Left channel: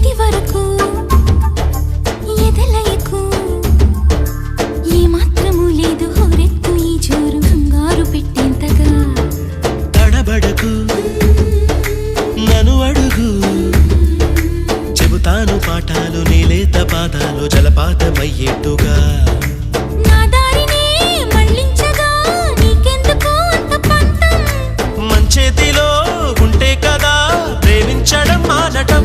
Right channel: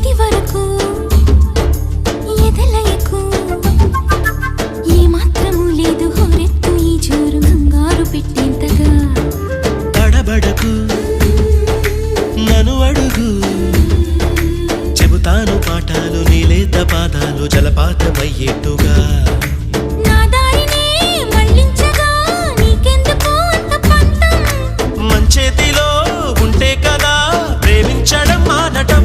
ఇది వరకు ఎదలయకు ఏ మాత్రము లేదు హోరెత్తు ఈ జోరు కంగారు పెట్టేంతగా తడబడకు నన్ను అడుగు చెబుతాను పాఠాలు నీలేత పాదాలు జలపాతమయ్యేట్టుగా నా దారినే మళ్ళించగా నీకెందుకు అంత పంతం మంచేతిలో ఉంటే కదా ప్రేమించడం మానటం